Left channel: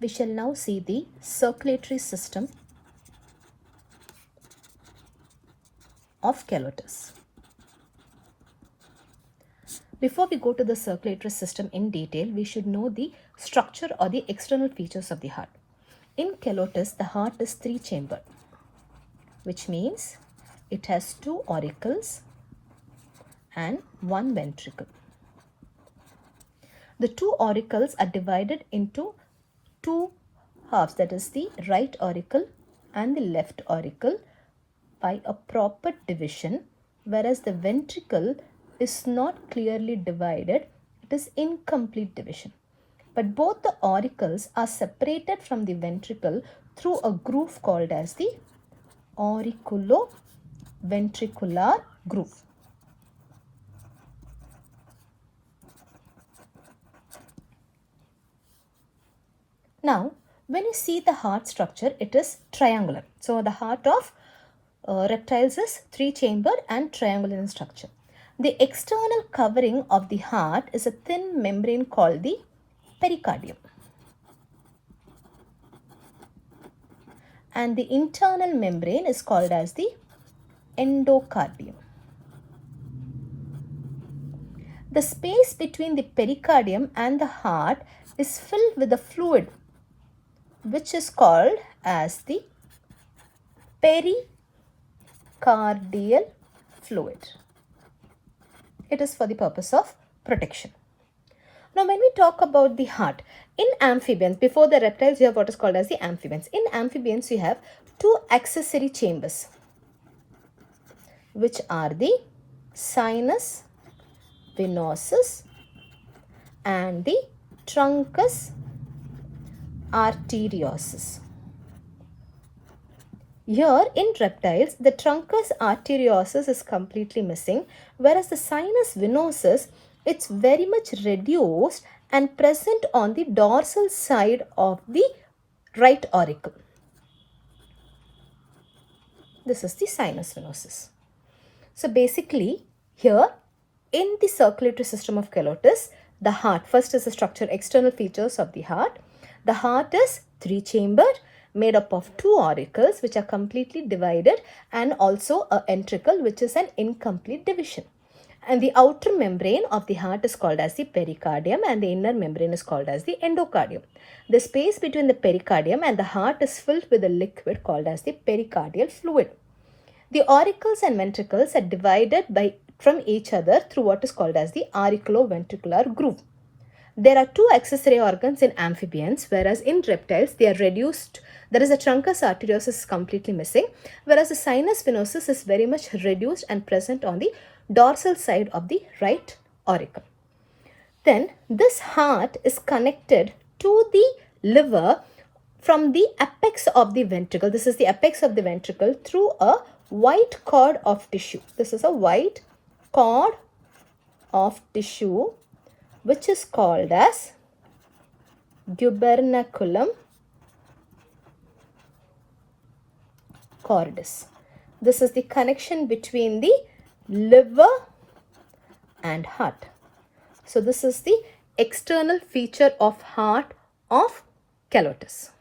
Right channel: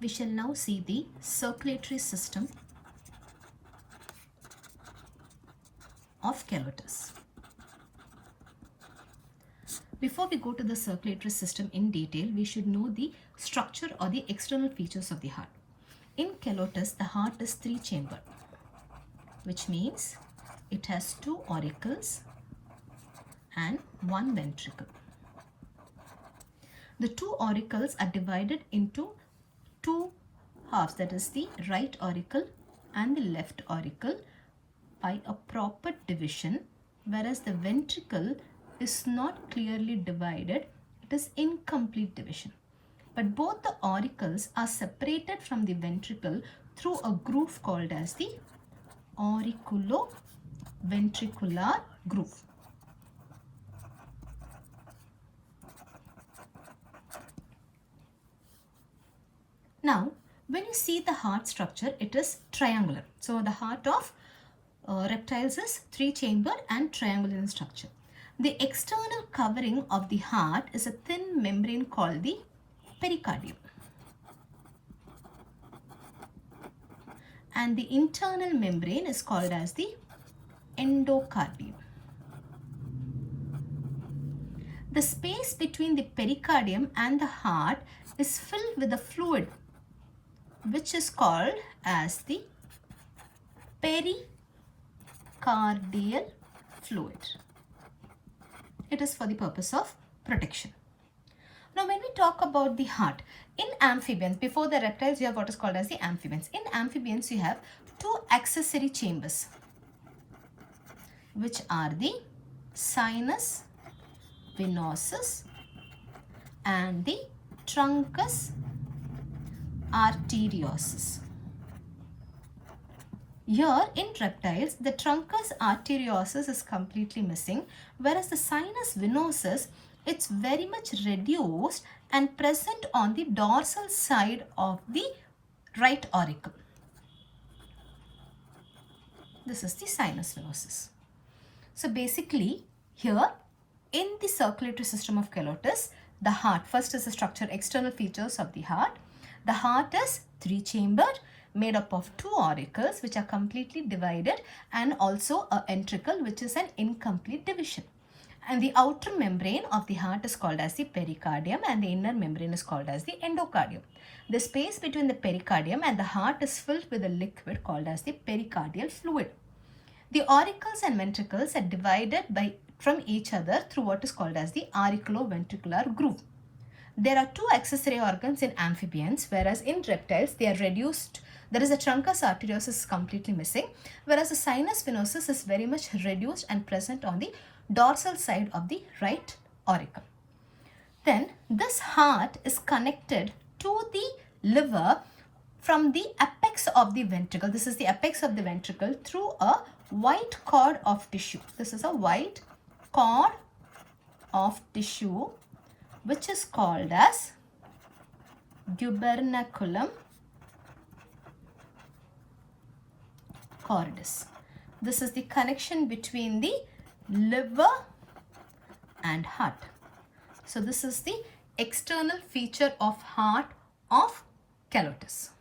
We shall now see the circulatory system of Calotes. Before we go to the circulatory system in detail, we should know the structure or the external features of the heart. In Calotes, the heart is three-chambered, which means it has two auricles and one ventricle. The two auricles are divided into two halves, that is the right auricle and the left auricle, by a proper division, whereas the ventricle is not clearly divided, it is incomplete division. But both the auricles are separated from the ventricle through a groove called as the auriculoventricular groove. Now, when you see the heart structure, it is triangular. So, the heart of reptiles is three-chambered and triangular in structure. The external covering of the heart is a thin membrane called the pericardium. And the internal membrane is called as the endocardium. The space between the pericardium and the heart is filled with a fluid which is called as the pericardial fluid. It is for the purpose of protection. Now, when we talk about the heart, in amphibians, before the reptiles, you have what is called as the amphibians. In amphibians, you have two accessory chambers, which are the sinus venosus and the truncus arteriosus. Here in reptiles, the truncus arteriosus is completely missing, whereas the sinus venosus, it's very much reduced and present on the dorsal side of the right auricle. This is the sinus venosus. So basically, here in the circulatory system of Calotes, the heart, first is the structure, external features of the heart. The heart is three-chambered, made up of two auricles which are completely divided, and also a ventricle which is an incomplete division. And the outer membrane of the heart is called as the pericardium and the inner membrane is called as the endocardium. The space between the pericardium and the heart is filled with a liquid called as the pericardial fluid. The auricles and ventricles are divided from each other through what is called as the auriculoventricular groove. There are two accessory organs in amphibians, whereas in reptiles they are reduced. There is a truncus arteriosus completely missing, whereas the sinus venosus is very much reduced and present on the dorsal side of the right auricle. Then this heart is connected to the liver from the apex of the ventricle. This is the apex of the ventricle through a white cord of tissue. This is a white cord of tissue which is called as gubernaculum cordis. This is the connection between the liver and heart. So this is the external feature of heart of Calotes.